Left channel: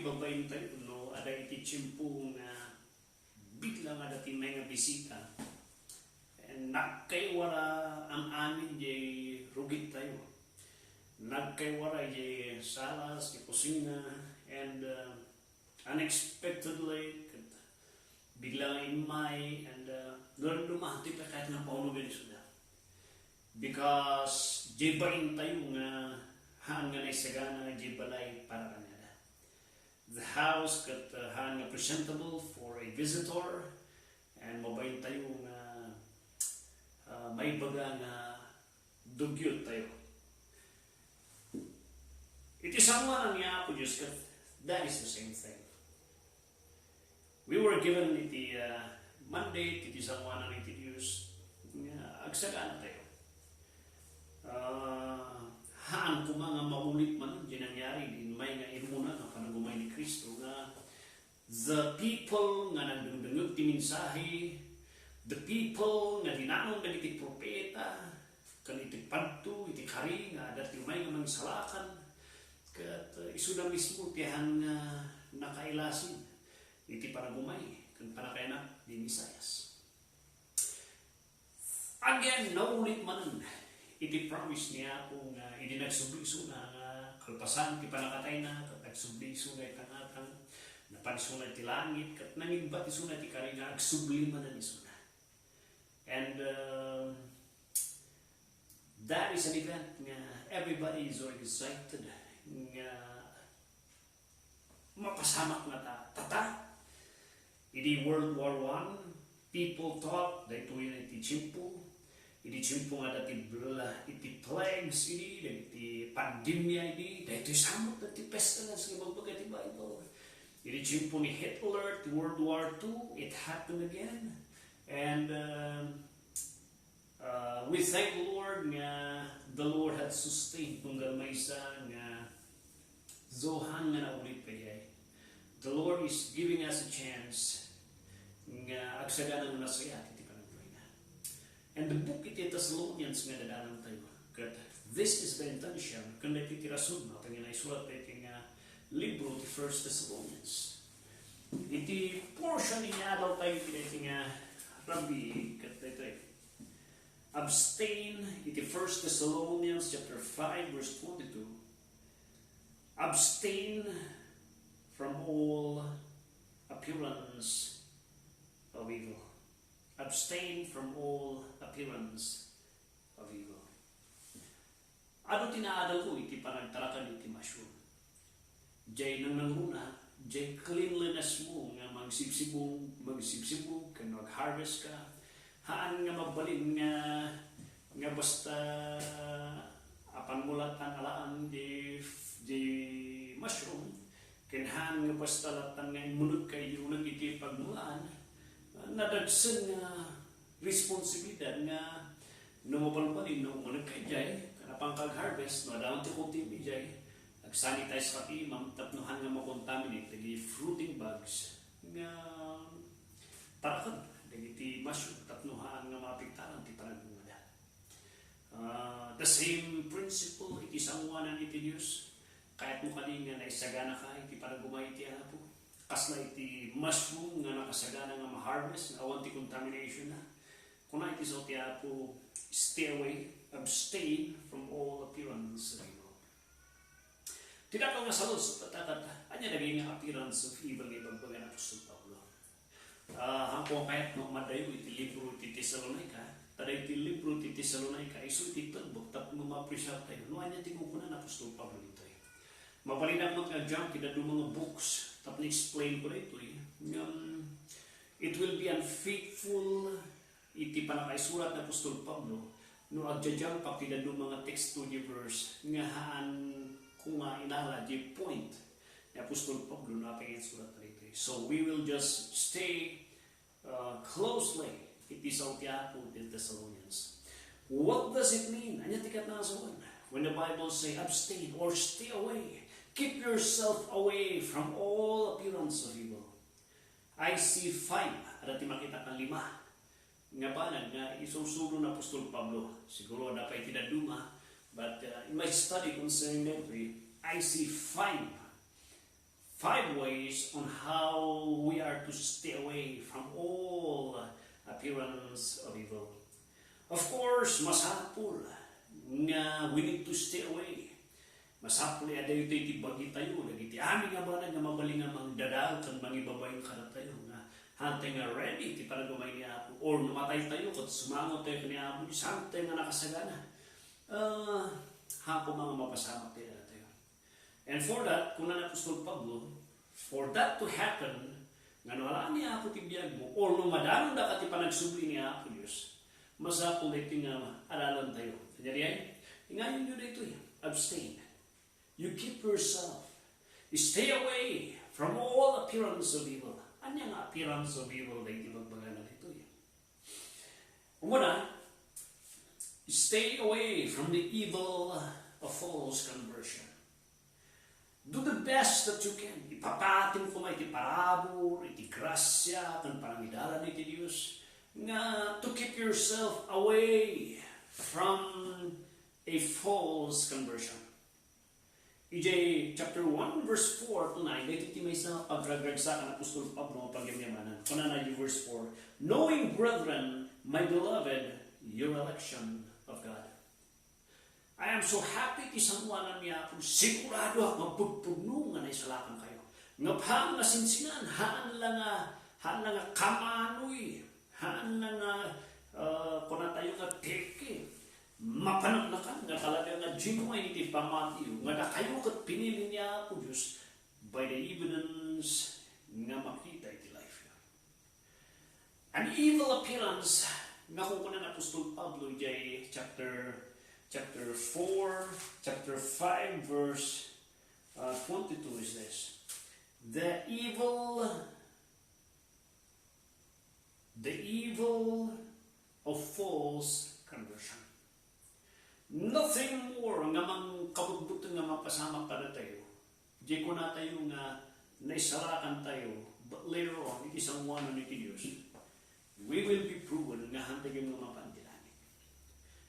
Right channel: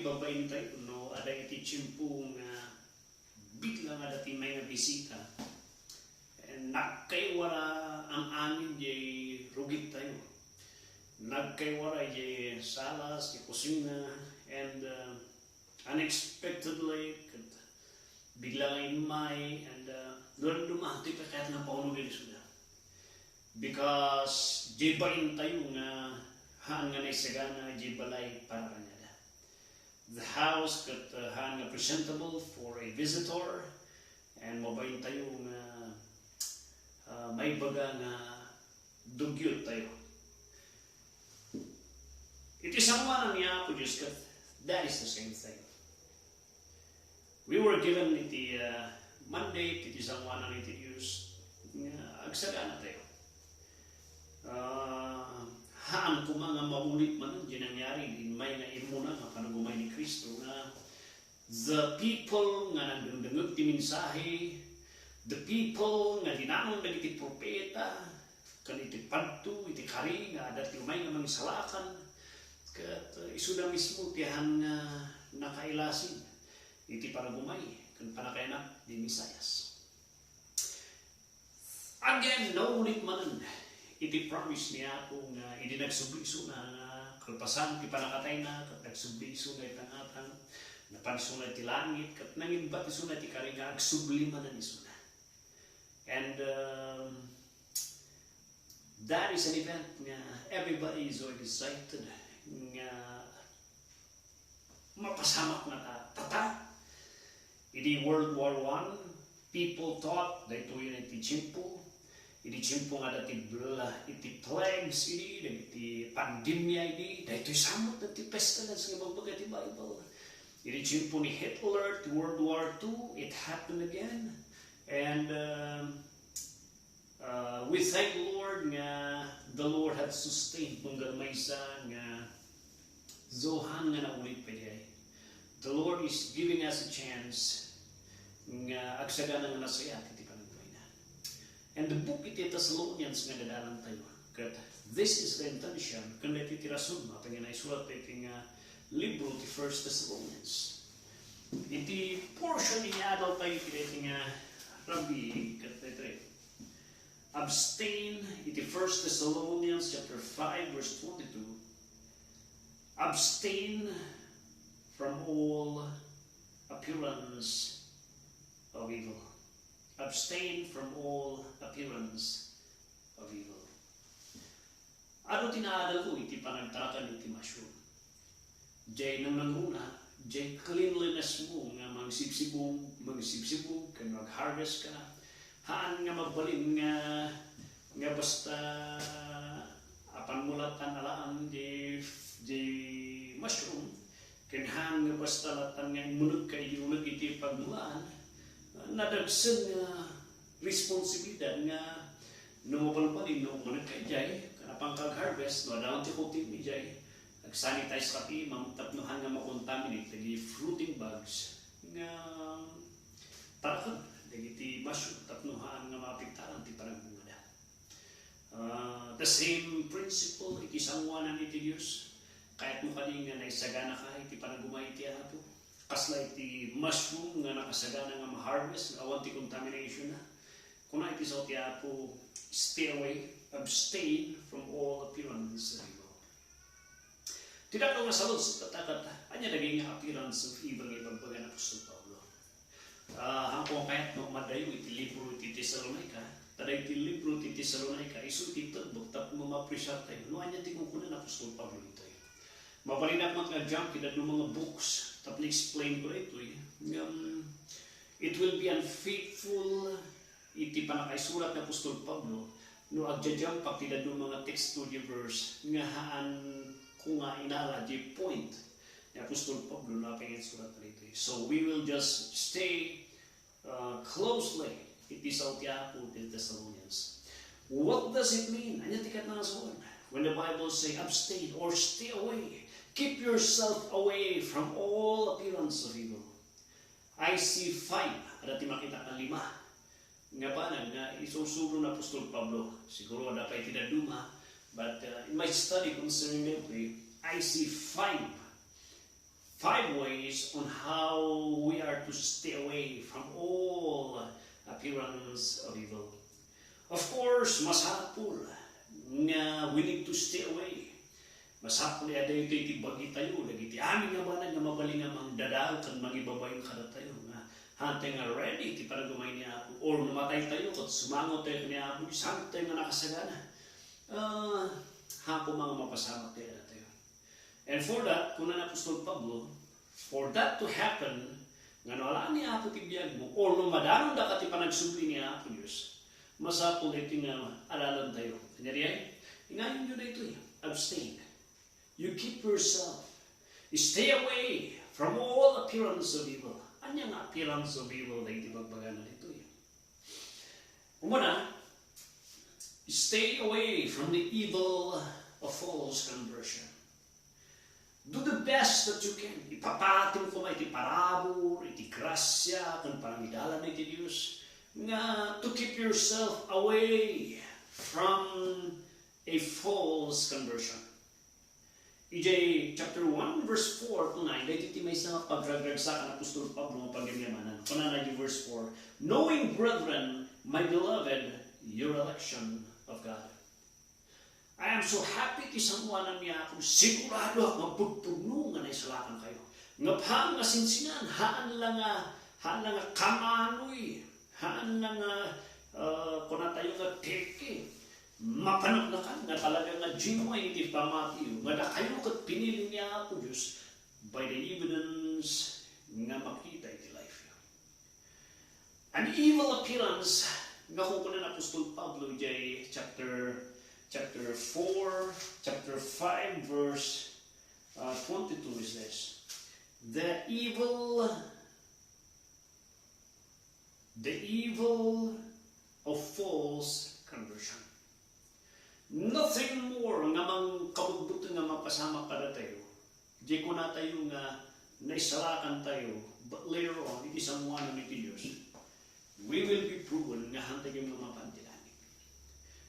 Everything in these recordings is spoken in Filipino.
iti babayin tayo, no? Ada iti tiyempo nga bigla nga dati may nga bisita. And nagkaywara ang amin jay rugit tayo. Nagkaywara jay salas, jay kusina, and unexpectedly, bigla nga imay, and doon dumati pa kahit ng paunugan suda. Because jay bain tayo nga haan nga naisagana jay balay para kanila. The house got haan nga presentable for a visitor, and mabayin tayo nga may baga nga dugyot tayo. It is someone niya po Diyos kat that is the same thing. We were given iti mandate, iti someone ang iti Diyos agsagana tayo. Haan ko mga maulit man ang nangyari din may na imuna nga panagumay ni Kristo nga the people nga nagdungdungog ti mensahe, the people nga dinamon dagiti propeta, kan iti padto, iti kari nga dati umay nga mangsalakan, kat isuda mismo tihan nga nakailasin iti panagumay kan panakainak di Misayas. Again, naulit man iti promise niya kung hindi nagsubli-so na kalpasan ti panakatay na, kat nagsubli-so na itangatang napanso na ti langit, kat nangimbat iso na ti kariga agsubliman na iso na. And that is an event nga everybody is so excited nga mapasamak na tata. Idi World War I, people thought that ito yun iti tiyempo. Iti tiyempo nga dati iti plagues iti pandemya dati samot na ti pestilence nga magbaga ti Bible. Iti tiyempo ni Hitler, to World War II, it happened again. And we thank the Lord nga the Lord had sustained nung galmaysa nga zohan nga naulit pa gay. The Lord is giving us a chance nga agsagana nga masaya iti panagbuhay na. And the book iti Thessalonians nga dadalan tayo. Kat this is the intention kung iti rason mo pag inaisulat iti nga libro ti 1 Thessalonians. Iti portion niya daw tayo iti nga Rabbi kat ito abstain iti 1 Thessalonians chapter 5 verse 22. Abstain from all appearance of evil. Abstain from all appearance of evil. Ano tinaadal ko iti panagtarakan iti masyur? Jay nang nanguna, jay cleanliness mo nga magsibsibog, kan mag-harvest ka, haan nga mabalin nga basta apan mulatan alaan jay mushroom, kan haan nga basta latan nga munod kayo unag iti pagmulaan, nadagsan nga responsibilidad nga numapalpalin no munod kayo jay, kanapang kag-harvest, no daon ti kultiv ni jay, nag-sanitize kapi, mamtapnuhan nga makontaminate, lagi fruiting bugs, nga tarakan, lagi ti mushroom, tapnuhan nga mapiktaran, ti panagmula. The same principle, iti sangwanan iti Diyos, kahit mo kanina naisagana ka, iti panagumay iti apo, kasla iti mushroom nga nakasagana nga ma-harvest, nga awan ti contamination na, kung na iti sa iti apo, stay away, abstain from all appearance of evil. Tidak ko nga salod sa tatakat, anya naging appearance of evil nga ibagbaga na Apostol Pablo. Hangkong kahit no madayo iti libro iti Tesalonica, tada iti libro iti Tesalonica, iso iti tagbog, tap mo ma-appreciate tayo, no anya tingong ko na Apostol Pablo ito. Mapalinak mag-adjunct iti do mga books, tap na-explain ko na ito. It will be unfaithful iti panakaisurat na Apostol Pablo, no adjunct pa iti do mga text study verse, nga haan kung nga inala di point na Apostol Pablo na ating surat na ito. So we will just stay closely iti sa utiapo iti Thessalonians. What does it mean? Anya tikat na nasuwan. When the Bible say abstain or stay away, keep yourself away from all appearance of evil. I see 5, ada ti makita kang 5. Nga ba nga isusulo na Apostol Pablo. Siguro dapat tidak duma, but in my study concerning that, I see 5 5 ways on how we are to stay away from all appearance of evil. Of course, masapul nga we need to stay away. Masapul ada ito itibagi tayo, lagi ti amin nga ba nga mabaling nga mang dadaw kan mangibabay yung kada tayo nga hantay nga ready ti para gumay niya ako or mamatay tayo kat sumangot tayo niya ako santay nga nakasagana. Hapo mga mapasama tayo. And for that, kung na Apostol Pablo, for that to happen, nga wala niya ako tibiyag mo, or nung madanong da kati panagsubli niya ako Diyos, masapul ito nga alalan tayo. Kanyari ay, ngayon yun ito abstain. You keep yourself. You stay away from all appearance of evil. Anya nga appearance of evil na hindi magbaganan ito Umuna, stay away from the evil of false conversion. Do the best that you can. Ipapatin ko may iti parabor, iti grasya, kan parangidalan iti Diyos, nga to keep yourself away from a false conversion. EJ chapter 1 verse 4 to 9, dahil iti may sa pagragragsak ang Apostol Pablo ang pagyamanan. Kunana di verse 4, knowing, brethren, my beloved, your election of God. I am so happy kisangwanan niya ako. Sigurado ako magpugpugno nga naisalakan kayo. Nga pang nasinsinan, haan lang nga kamanoy, haan lang nga kuna tayo nga teke. Mapanaknakan nga talaga nga genuine iti pamatiyo. Nga na kayo kat pinili niya ako Diyos by the evidence nga makita iti life. An evil appearance nga kukunan Apostol Pablo jay chapter 5 verse 22 is this. The evil of false conversion. Nothing more nga mang kabutbuto nga mapasama para tayo. Di ko na tayo nga naisarakan tayo, but later on, iti samuanan iti Diyos, we will be proven nga hantagin nga mapandilan.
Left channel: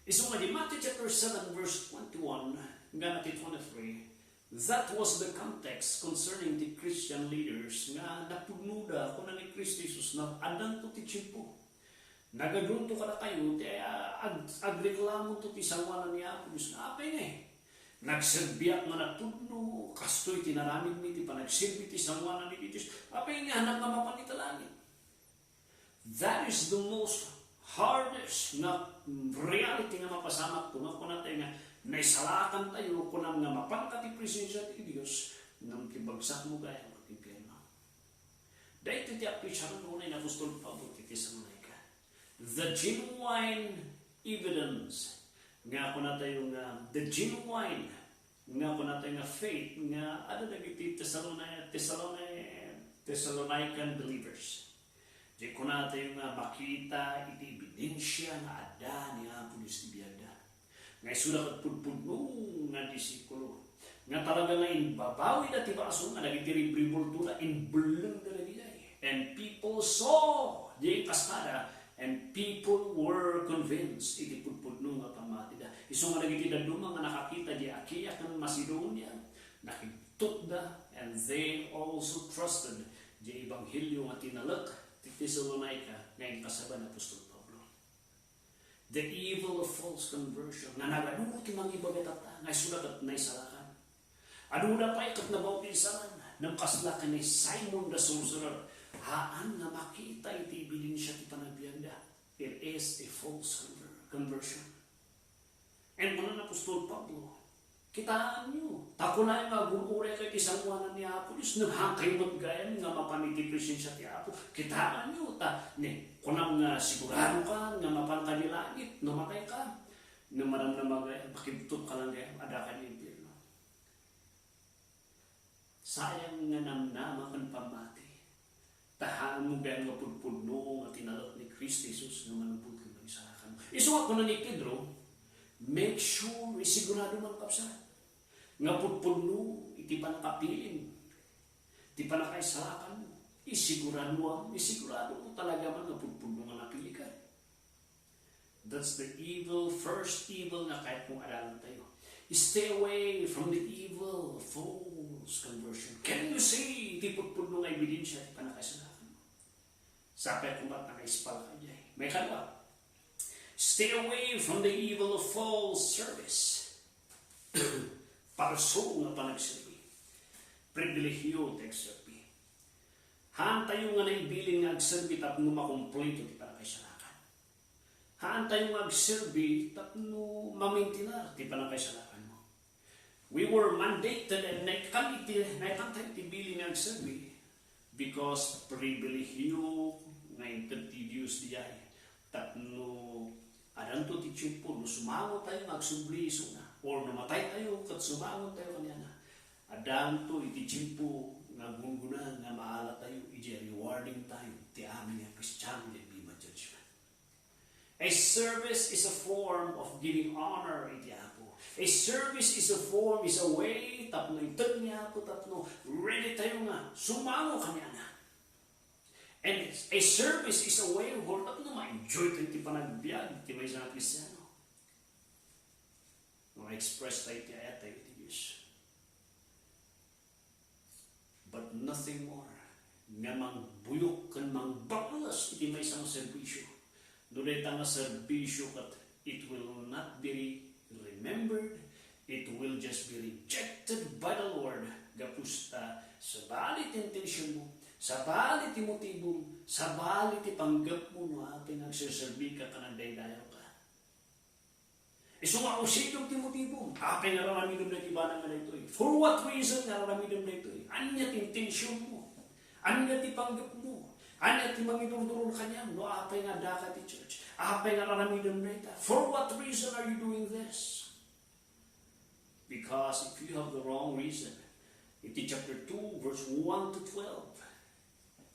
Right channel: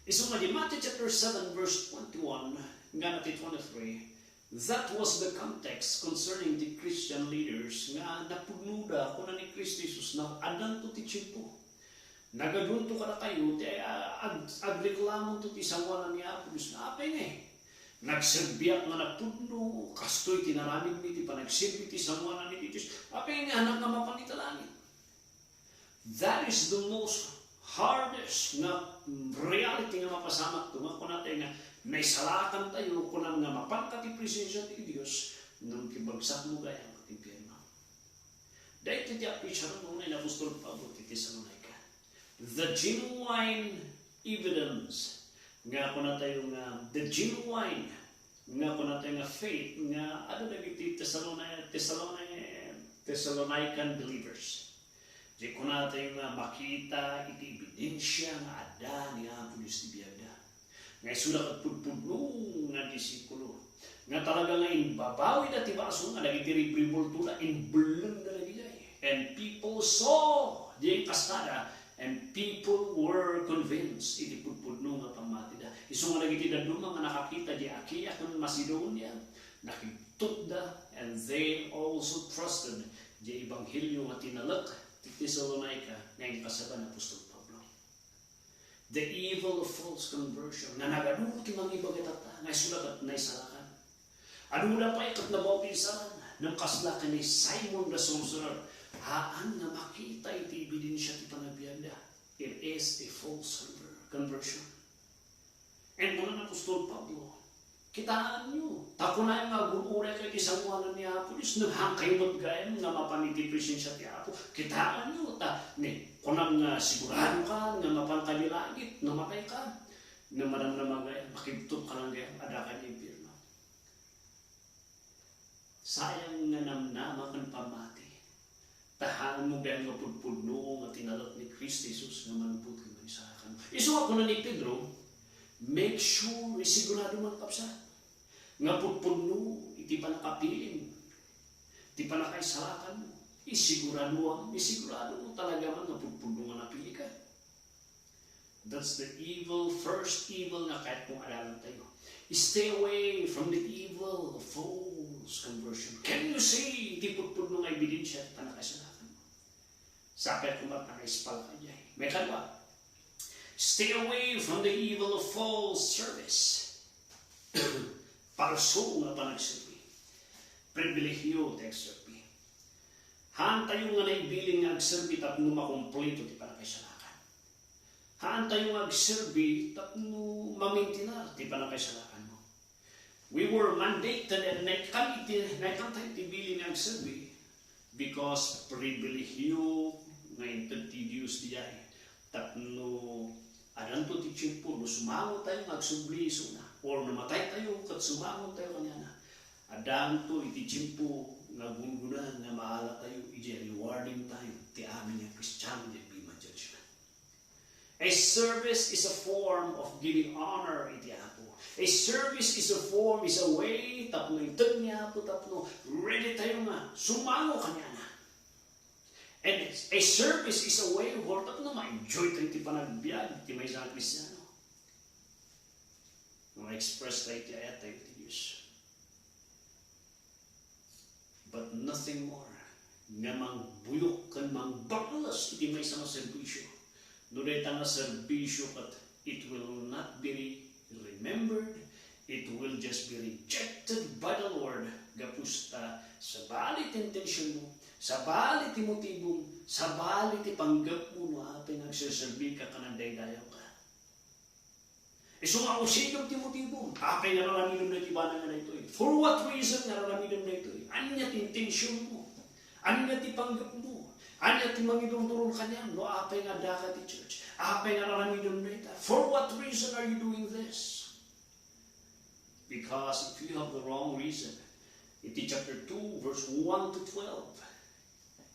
Isang Matthew chapter 7 verse 21 nga nati 23, that was the context concerning the Christian leaders nga napugnuda kung na ni Kristo Jesus na adan to ti chimpo. Nagadunto ka na tayo, agreklamo to ti sawanan niya ako Diyos na apay nga Nagsirbiak nga napugno, kastoy tinaramid ni ti panagsirbi ti sawanan ni Diyos. Apay nga anak nga mapangitalangin. That is the most hardest nga reality nga mapasamak ito nga kung natin nga naisalakan tayo kung nga mapanta ti presensya ti Diyos nang kibagsak mo gaya ang impyerno. Dahil iti apwisyaron mo na Apostol Pablo ti Tesalonica. The genuine evidence nga kung natin nga the genuine nga kung natin nga faith nga ano na iti Thessalonican believers. Di ko natin nga makita iti ebidensya nga ada niya pulis ti biyada. Nga isulat at pudpudno nga disikulo. Nga talaga nga inbabawi na ti Basul nga lagi ti ribribultula inbulong na lagi ay. And people saw di kasada and people were convinced iti pudpudno nga pamati da. Iso nga lagi ti daduma nga nakakita di Akia kan Macedonia nakitut da and they also trusted di ebanghelyo nga tinalak Thessalonica ngayon kasaban na Apostol Pablo. The evil of false conversion nga nagaduti mga ibagatata nga sulat at naisalakan. Ano na pa ikat na bautisaran ng kaslakan ni Simon the Sorcerer. Haan na makita iti ebidensya ti panagbianda. It is a false conversion. And mga Apostol Pablo, kitaan nyo. Tako na yung mag-uure kayo tisanguanan ni Apo Diyos. Naghangkay maggayan nga mapaniti presensya ti Apo. Kitaan nyo. Kung nga sigurado ka, nga mapantali langit, namatay ka. Nga maramdaman gayan, makibtog ka lang gayan, adakan ni impyerno. Sayang nga namnama kan pamati. Tahan mo gayan nga pudpudno nga tinalot ni Kristo Jesus nga manubot kang manisakan. Iso ako na ni Pedro, make sure, isigurado man kapsa. Nga pudpudno, iti panakapilin, iti panakaisalakan mo. Isigurado mo talaga man nga pudpudno nga napili ka. That's the evil, first evil nga kahit kung alalan tayo. Stay away from the evil of false conversion. Can you say Sabi ko ba na ispala kanya. May kadwa. Stay away from the evil of false service. Palso nga panagsilbi. Pribilehyo ti agsilbi. Haan tayo nga naibiling nga agsilbi tapno makumpleto ti panakaisalakan. Haan tayo nga agsilbi tapno mamintinar ti panakaisalakan mo. We were mandated and naikantay ti biling nga agsilbi because pribilehyo nga intindidius diay tapno adanto ti tiyempo no sumangon tayo nga agsubli isuna or namatay tayo kat sumangon tayo kanyana adanto iti tiyempo nga gunguna nga maala tayo iti rewarding tayo ti amin nga Kristiyano di bima judgment. A service is a form of giving honor iti Apo. A service is a form, is a way tapno itag ni Apo tapno ready tayo nga sumangon kanyana. And a service is a way where tapno ma-enjoy tayo ti panagbiag ti may isang Kristiyano. Ma-express tayo ti ayat tayo ti Diyos. But nothing more. Nga mangbuyok kan mangbaklas iti may isang serbisyo. Nulit ang serbisyo kat it will not be remembered. It will just be rejected by the Lord. Gapusta sa balit intensyon mo, sa balit ti motibong, sa balit ti panggap mo no apay nagsiserbi ka kanang daydayaw ka. Sumausigog ti motibong, apay nga raramidom na tibanan na ito. For what reason nga raramidom na ito? Anya ti intensyon mo, anya ti panggap mo, anya ti mangidong kanyang, no apay nga daka ti church, apay nga raramidom na ito. For what reason are you doing this? Because if you have the wrong reason, iti chapter 2, verse 1 to 12,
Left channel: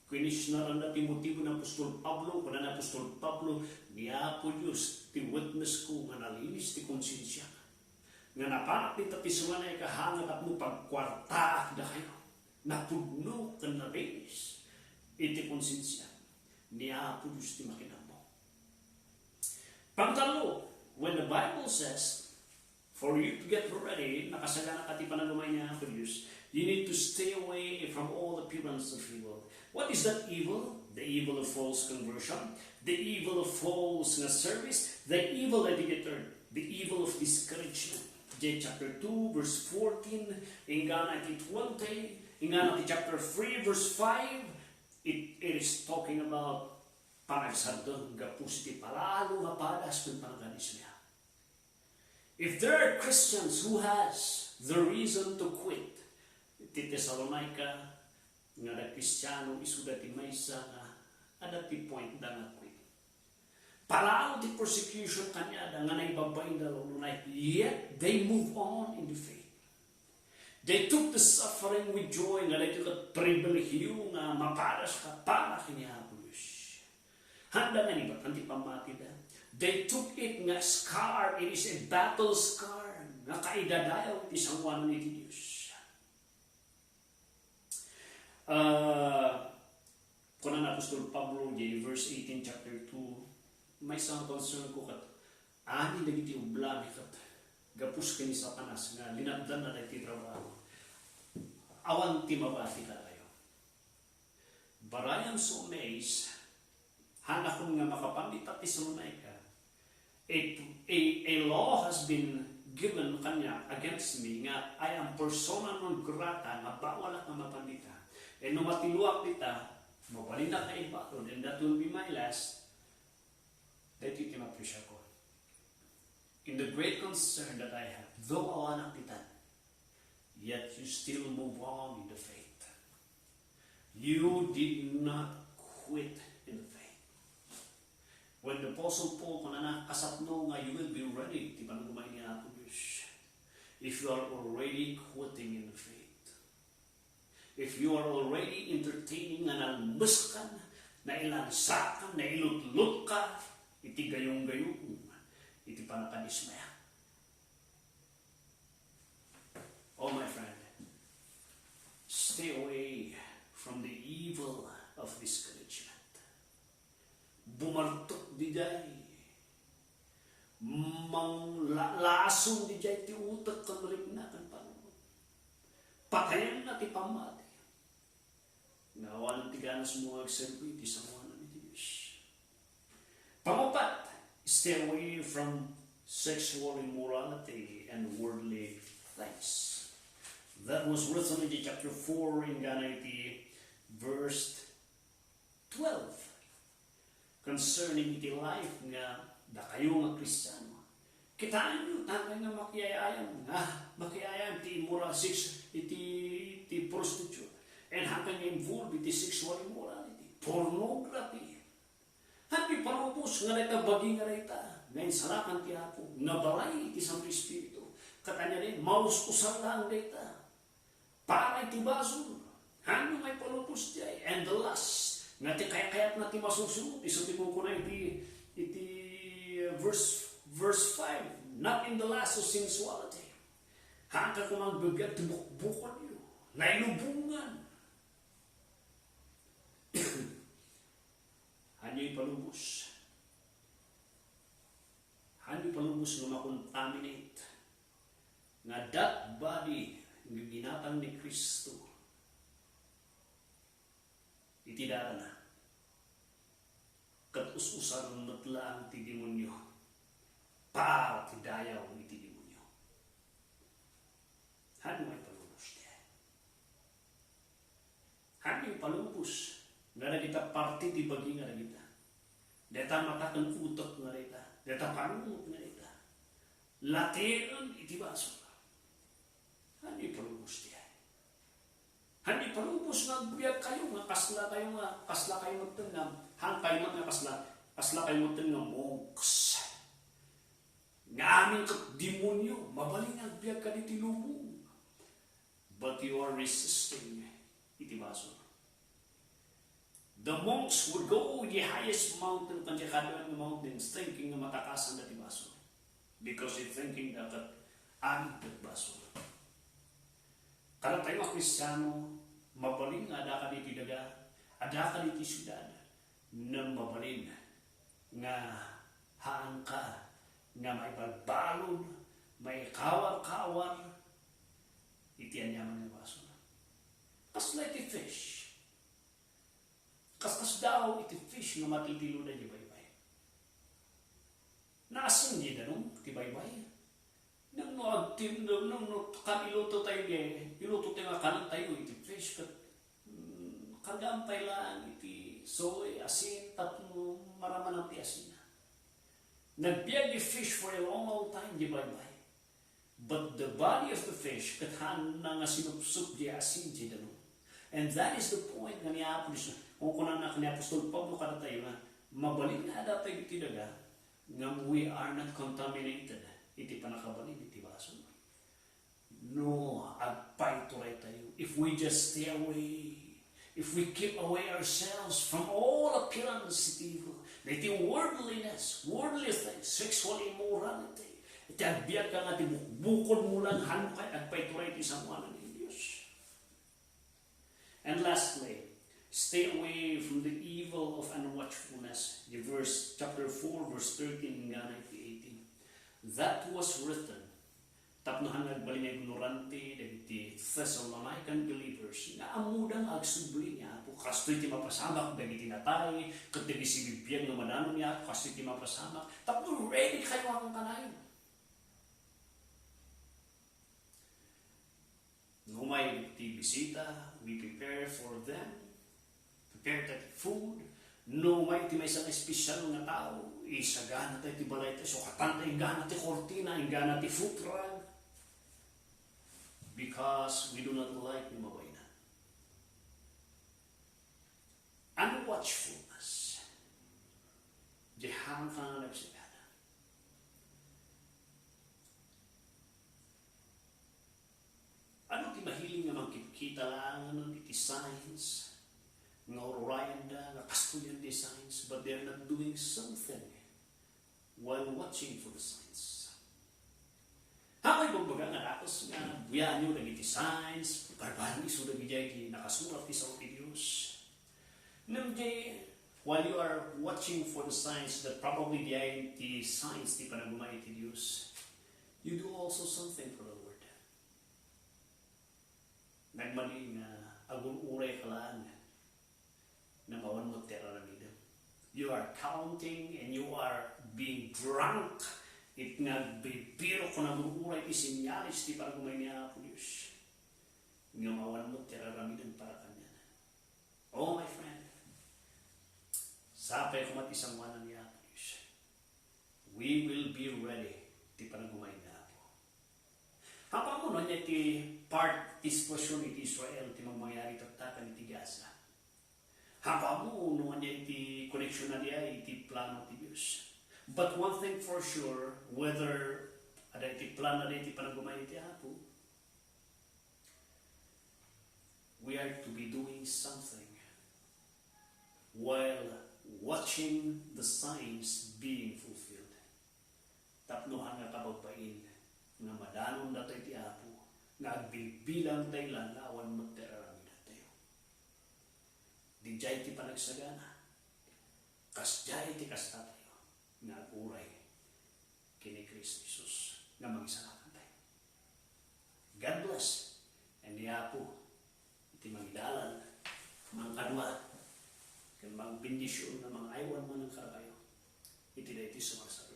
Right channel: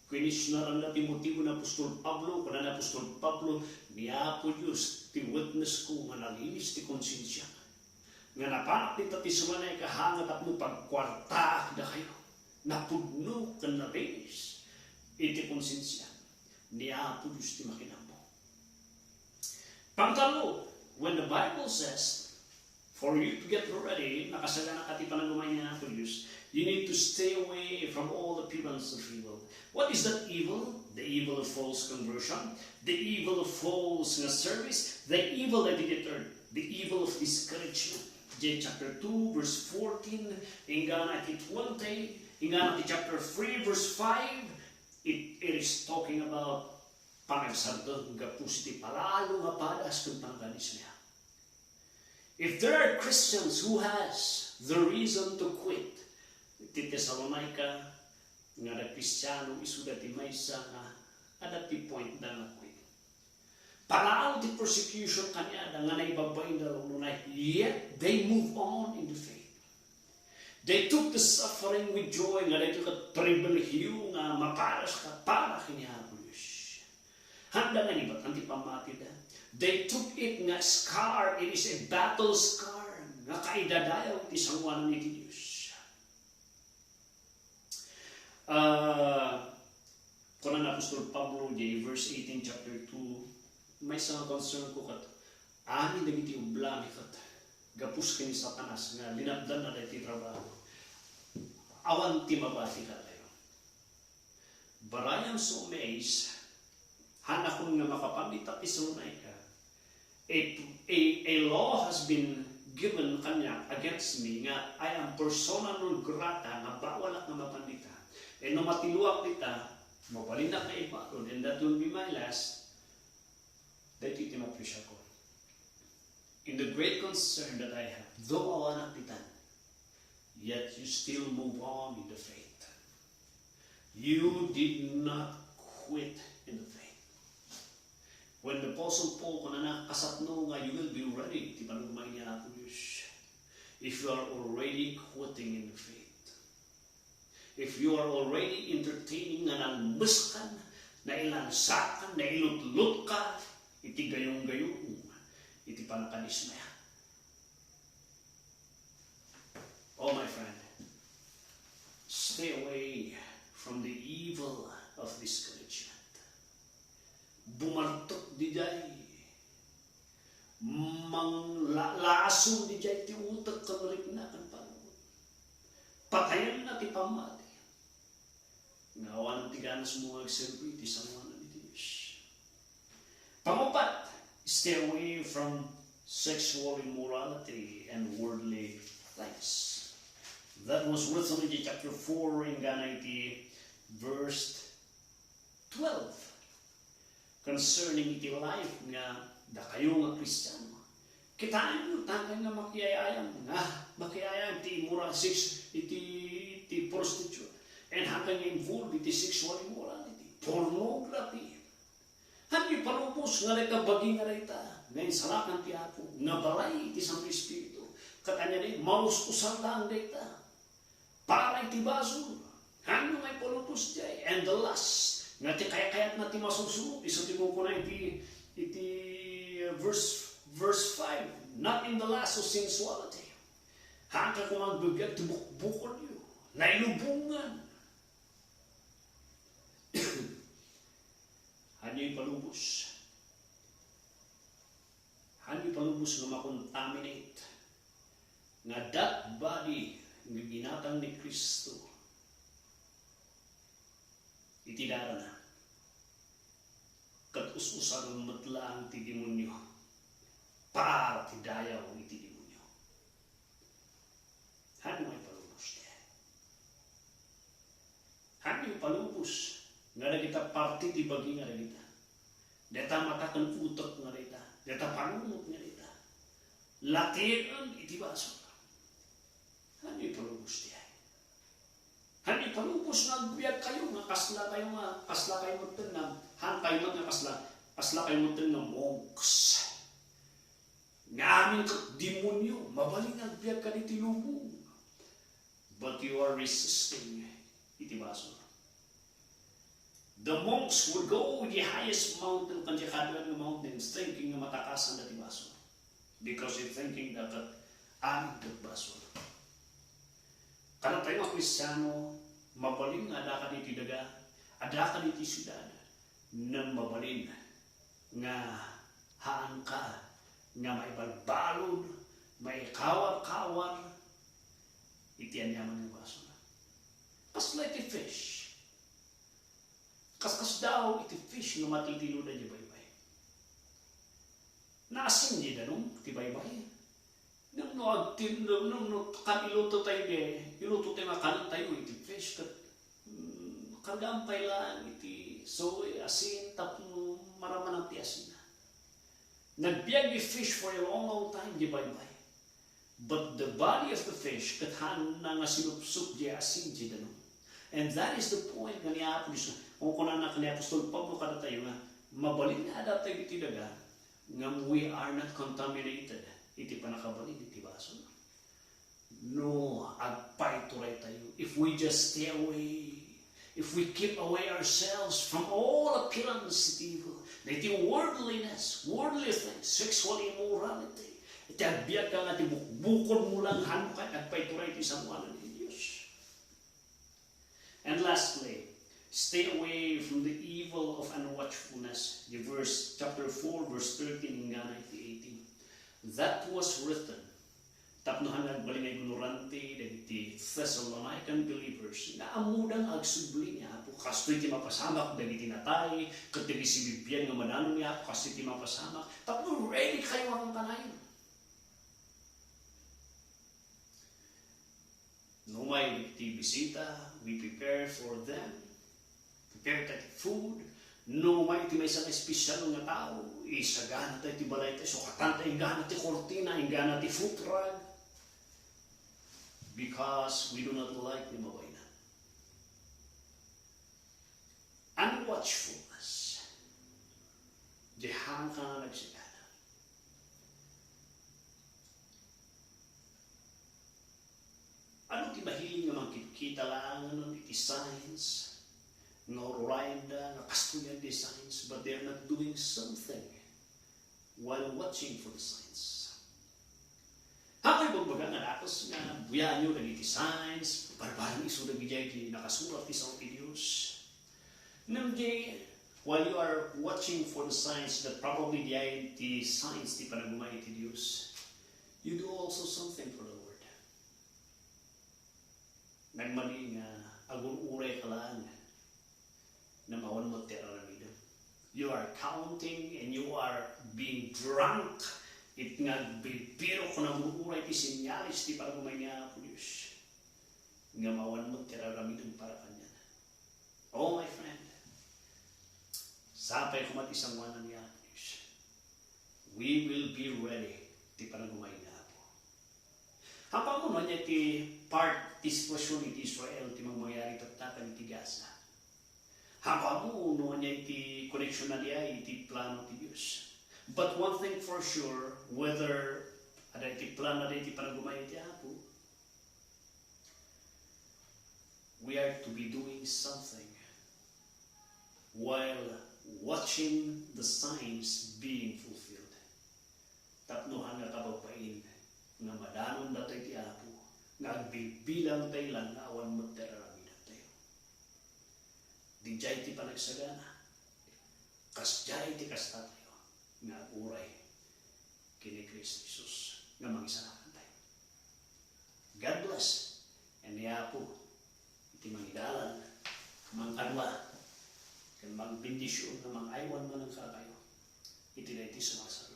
kinisnaran na ti motibo ng Apostol Pablo, kada na Apostol Pablo, niya po Diyos, ti witness ko, nga nalinis ti konsensya. Nga napaakit at isumanay kahangat at mo pagkwartaak na kayo, napudno ka nalinis, iti konsensya. Niya po Diyos ti makinamo. Pangtalo, when the Bible says, for you to get ready, nakasagana ka ti panagumay niya po Diyos, you need to stay away from all appearance of evil. What is that evil? The evil of false conversion, the evil of false service, the evil that did the evil of discouragement. Chapter 2, verse 14, ingana ti 20, ingana ti chapter 3, verse 5, it is talking about panagsardon, gapus ti palalo nga padas kung pangganis niya. If there are Christians who has the reason to quit, ti Thessalonica, nga na Kristiyano, isuda ti maysa nga, ada ti point da nga quit. Parao ti persecution kanya, da nga naibabayin da lunay, yet they move on in the faith. They took the suffering with joy, nga they took a pribilehyo, nga maparas ka, para kinihapulos. Handa nga iba't anti pamati da. They took it nga scar, it is a battle scar, nga kaidadayaw ti sangwanan ni Diyos. Kuna na Apostol Pablo, verse 18, chapter 2, may isang concern ko kat, amin nagiti ublan kat, gapus kini Satanas, nga linabdan na tayo ti trabaho. Awan ti mabati ka tayo. But I am so amazed, hanakon nga makapamita ti sunay ka, a law has been given kanya against me, nga I am persona non grata, nga bawal at nga mapandita. E no matiluak kita, mabalin na kayo ba? And that will be my last. Dahil iti mapresya ko. In the great concern that I have, though awanak kita, yet you still move on in the faith. You did not quit in the faith. When the Apostle Paul, kung nakasapno nga, you will be ready. Di ba nang kumain niya ako, Diyos? If you are already quitting in the faith. If you are already entertaining na nalmuskan, na ilansakan, na ilutlot ka, iti gayong-gayong, iti panakanismaya. Oh, my friend, stay away from the evil of discouragement. Bumartok di jay, manglason di jay, ti utak kanrip na kan panunod. Patayan na ti pamati. Nga awan ti ganas mo agserbi, ti sanguan na iti Pangapat, stay away from sexual immorality and worldly things. That was written in chapter 4 in Ganati, verse 12. Concerning iti life nga da kayo nga Kristiyano. Kitaan nyo, takay nga makiayam iti immoral sex, iti prostitute. And hanggang nga involved iti sexual immorality, pornography. Hanggang palupos nga rita baging nga rita, ngayon salakan ti ako, nga balay iti Santo Espiritu. Katanya rin, mauskusan lang rita. Para iti Basul, hanggang may palupos diya. And the last, nga ti kaya-kayat na ti masusunod, isutin mo ko na iti verse 5, not in the last of sensuality. Hanggang ko magbigay, tibukbukon nyo, nailubungan. Hanyo'y palubos. Hanyo'y palubos nga makontaminate. Nga that body, nga ginatang ni Kristo, itidara na. Kat-us-usang matlaang ti demonyo. Para ti dayaw iti demonyo. Hanyo'y palubos niya. Hanyo'y palubos. Nga na kita parti di bagi nga na kita. Deta matakan utak nga kita. Deta panunod nga kita. Latiran iti Basul. Hanyo'y palubos niya. Hanyo'y palubos nga biyag kayo nga kasla kayo mutin nga hang kayo nga kasla kayo mutin nga monks. Nga aming demonyo mabaling ang biyag ka ni tinubong. But you are resisting iti Basul. The monks would go the highest mountain, kanya Kadwa mountains, thinking na matakasan na ti Basul. Because they're thinking that ang Basul. Karang tayo mga Kristiyano, mabaling ada ka diti daga, ada ka diti syudad, na mabaling nga haan ka, nga may balbalod, may kawar-kawar, iti anyaman ng Basul. Pas like a fish. Kaskas daw iti fish nga matitilo na di baybay. Naasin di na nung ti baybay. Nang noagtim, nang kan iluto tayo di, iluto tayo nga kanan tayo iti fish. Kargampay lang iti soy, asin, tapno, maraman ang ti asin na. Nagbiag yung fish for a long time di baybay. But the body of the fish, kathan na nga sinupsup di asin di na nung. And that is the point nga niya Apostol. Kung kunan na ni Apostol Pablo kada tayo nga mabalin na ada tayo iti daga nga we are not contaminated iti panakabalin iti Basul. No, agpay turay tayo. If we just stay away, if we keep away ourselves from all appearance iti evil, iti worldliness, worldly things, sexual immorality, iti agbiag ka nga iti bukod mo lang hanukay agpay turay iti samuanan ni Diyos. And lastly, stay away from the evil of unwatchfulness. The chapter 4, verse 13, nga 18. That was written. Tapnohan nagbali na ignorante, dagiti Thessalonican believers, na amudang agsubli niya, po kasto'y ti mapasamak, dagiti natay, katagi si Bibyan nga manano niya, kasto'y ti mapasamak, tapno ready kayo ang kanayon. No may bisita, we prepare for them, prepare tayo food. No may may isang espesyal nga tao, isagana tayo ti balay tayo, so katanta ingana ti kortina, ingana ti foot rug, because we do not like the mabay na. Unwatchfulness. Dihang ka nga nagsigana. Ano ti mahiling nga magkikita lang iti signs, nga orayanda, nga kastuyan ti signs, but they're not doing something while watching for the signs. Hako'y bagbaga nga nakos nga buyan nyo nagiti signs, barbaring iso nagijay ti nakasulat ti sa ti Diyos. Namjay, while you are watching for the signs that probably diay ti signs ti panagumay ti Diyos, you do also something for the Lord. Nagmali nga agun uray ka lang na mawan mo tira na midam. You are counting and you are being drunk. It nagbibiro ko na muuray ti sinyalis ti pagumay niya po Diyos. Nga mawan mo tiraramidan para kanyan. Oh my friend, sapay ko matisamuanan niya po Diyos. We will be ready ti panagumay niya po. Hapa mo niya ti part ti sitwasyon iti Israel ti mangyayari tatatan iti Gaza. Hapa mo niya iti koneksyon na niya iti plano ti Diyos. But one thing for sure, whether ada iti plan na iti panagumay iti Apo, we are to be doing something while watching the signs being fulfilled. Tapnohan nga kabagpain nga madanon na tayo iti Apo, nagbibilang tayo lang na awan mo terarami na tayo. Di jay ti panagsagana, kas jay ti kastat na uray kini Kristo Jesus na magsalakan tayo. God bless. And niya po iti mangidalan mang Kadwa kan mang bendisyon na mang aywan man ang karakayo iti na iti sumasalo.